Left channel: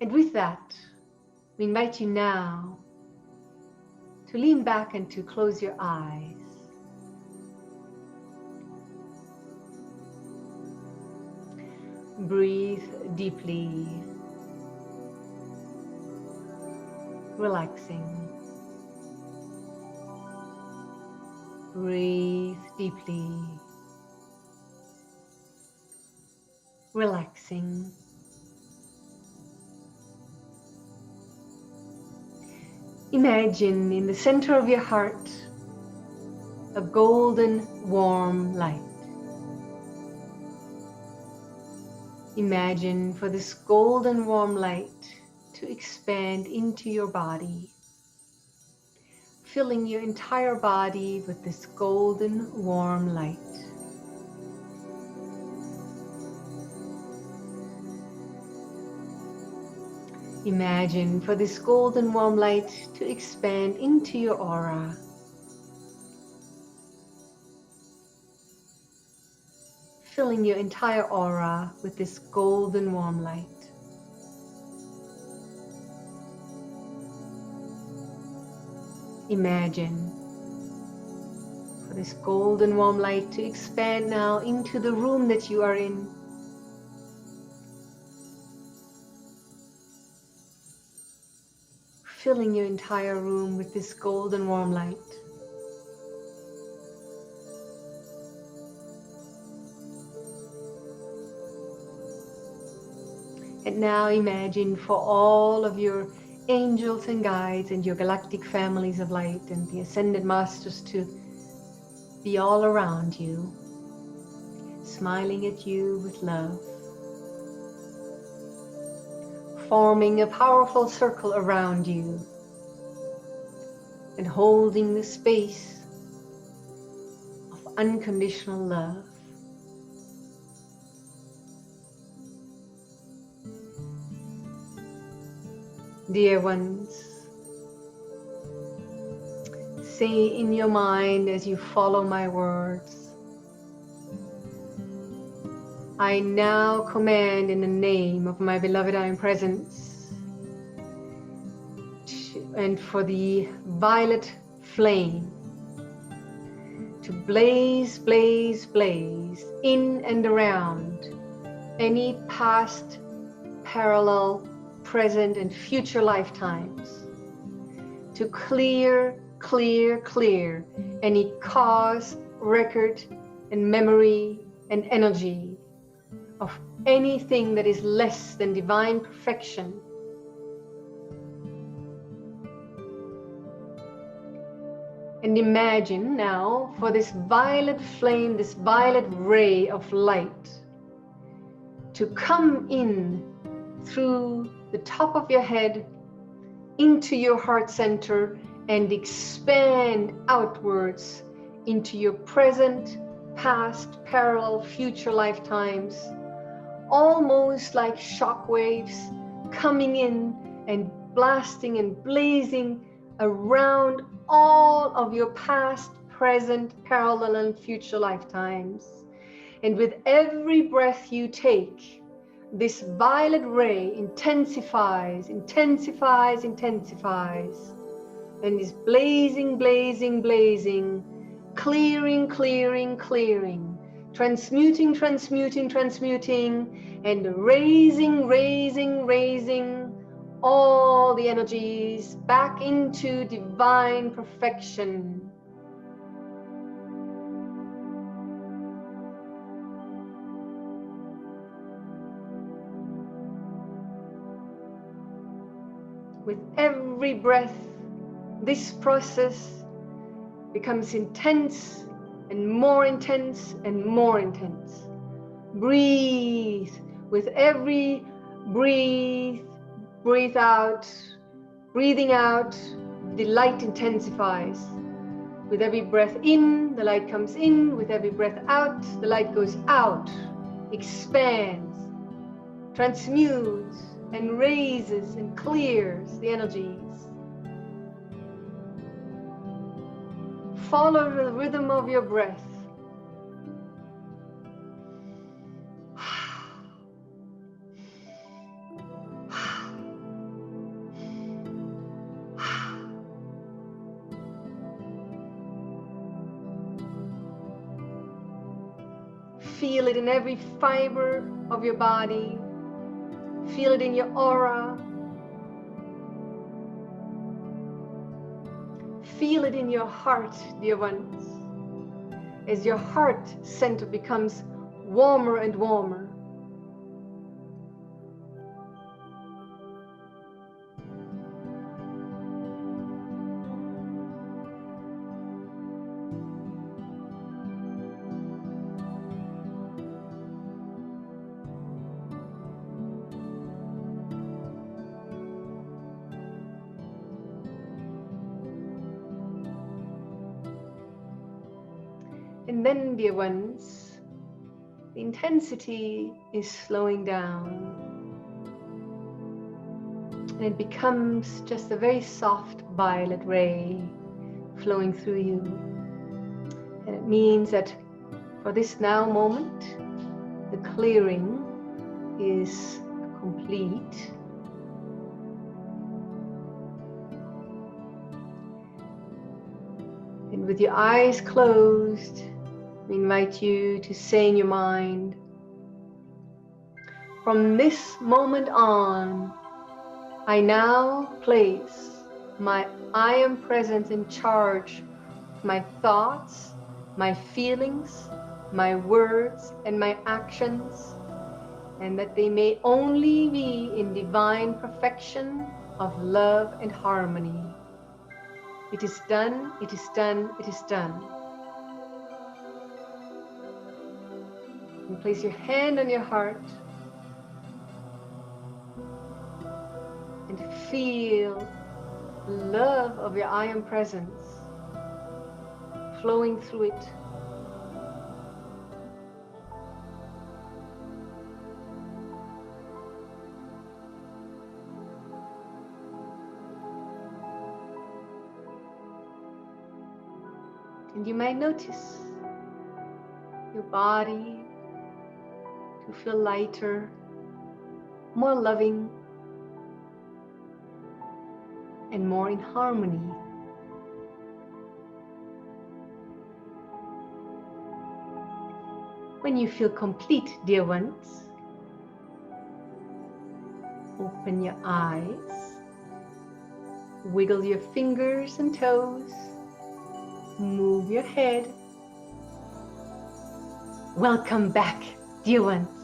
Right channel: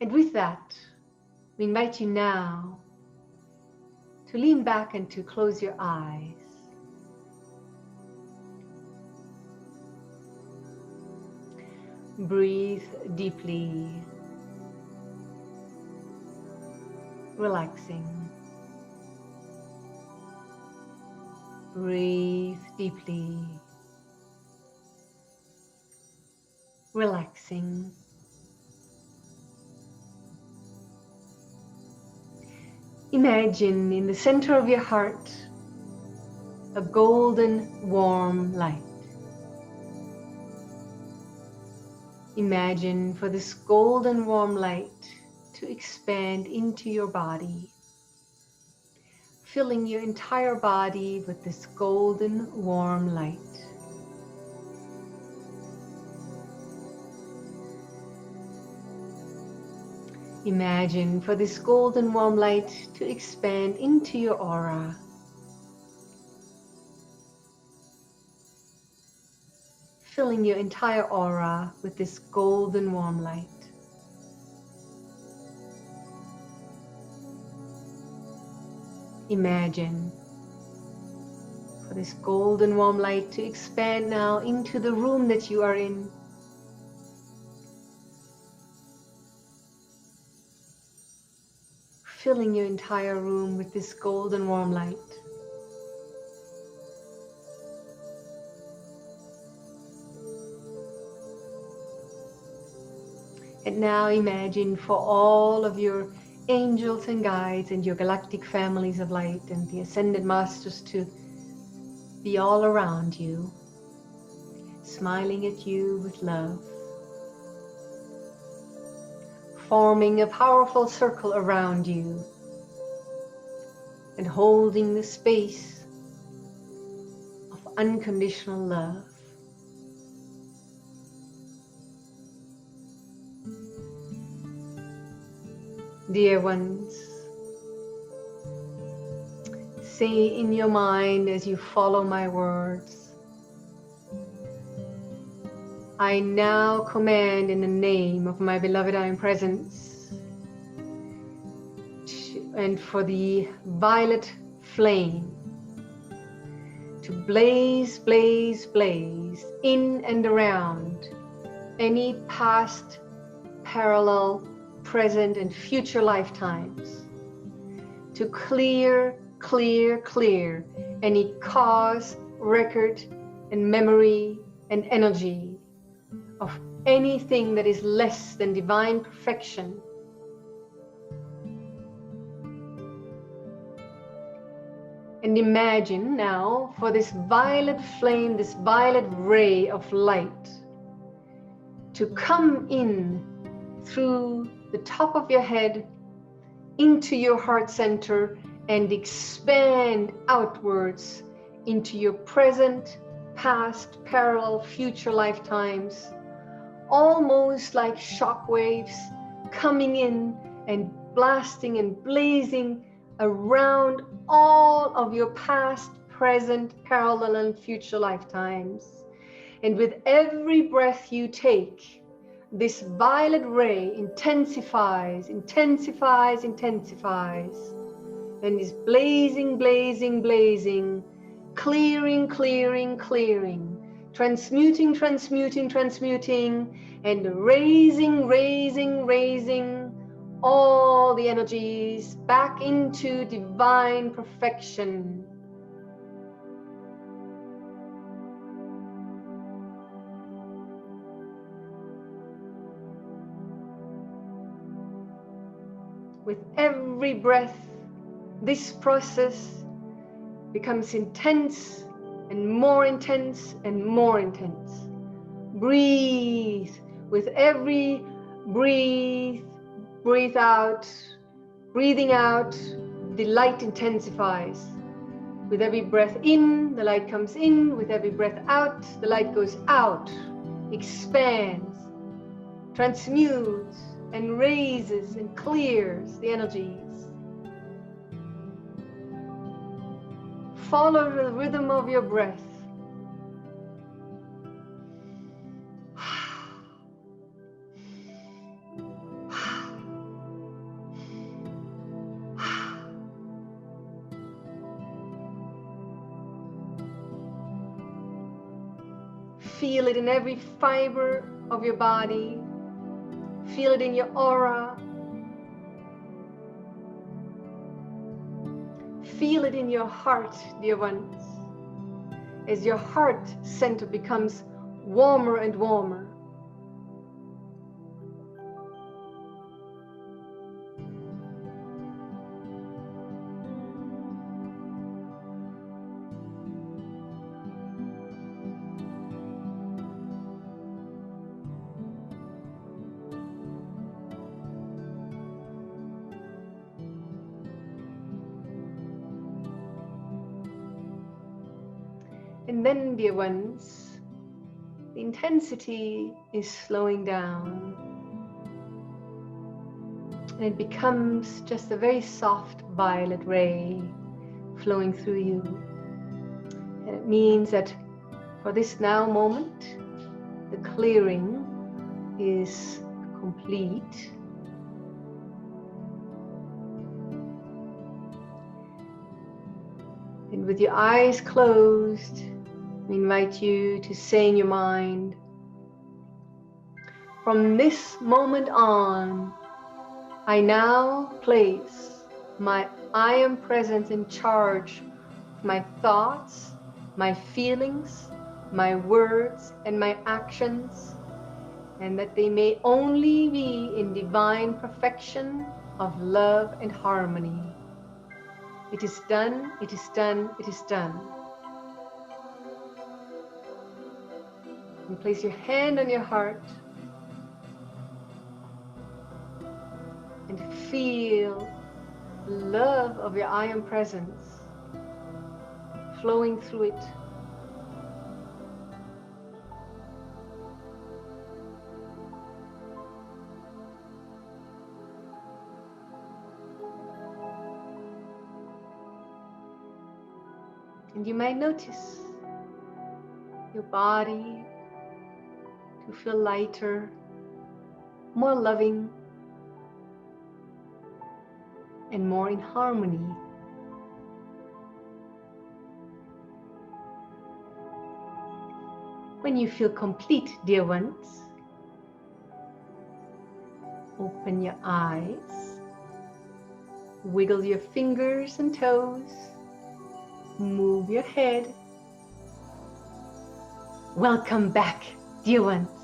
And with that, we invite you now to lean back and to close your eyes. Breathe deeply, relaxing. Breathe deeply, relaxing. Imagine in the center of your heart a golden warm light. Imagine for this golden warm light to expand into your body, filling your entire body with this golden warm light. Imagine for this golden warm light to expand into your aura, filling your entire aura with this golden warm light. Imagine for this golden warm light to expand now into the room that you are in. Filling your entire room with this golden warm light. And now imagine for all of your angels and guides and your galactic families of light and the ascended masters to be all around you, smiling at you with love, forming a powerful circle around you and holding the space of unconditional love. Dear ones, say in your mind as you follow my words, I now command in the name of my beloved I Am Presence and for the violet flame to blaze, blaze, blaze in and around any past, parallel, present and future lifetimes, to clear, clear, clear any cause, record and memory and energy of anything that is less than divine perfection. And imagine now for this violet flame, this violet ray of light to come in through the top of your head into your heart center and expand outwards into your present, past, parallel, future lifetimes, almost like shock waves coming in and blasting and blazing around all of your past, present, parallel, and future lifetimes. And with every breath you take, this violet ray intensifies, intensifies, intensifies, and is blazing, blazing, blazing, clearing, clearing, clearing, transmuting, transmuting, transmuting, and raising, raising, raising all the energies back into divine perfection. With every breath, this process becomes intense and more intense and more intense. Breathe. With every breathe out. Breathing out, the light intensifies. With every breath in, the light comes in. With every breath out, the light goes out, expands, transmutes, and raises and clears the energies. Follow the rhythm of your breath. Feel it in every fiber of your body. Feel it in your aura. Feel it in your heart, dear ones, as your heart center becomes warmer and warmer. And then, dear ones, the intensity is slowing down. And it becomes just a very soft violet ray flowing through you. And it means that for this now moment, the clearing is complete. And with your eyes closed, we invite you to say in your mind, from this moment on, I now place my I am presence in charge of my thoughts, my feelings, my words, and my actions, and that they may only be in divine perfection of love and harmony. It is done, it is done, it is done. And place your hand on your heart and feel the love of your I am presence flowing through it. And you might notice your body to feel lighter, more loving, and more in harmony. When you feel complete, dear ones, open your eyes, wiggle your fingers and toes, move your head. Welcome back, dear ones.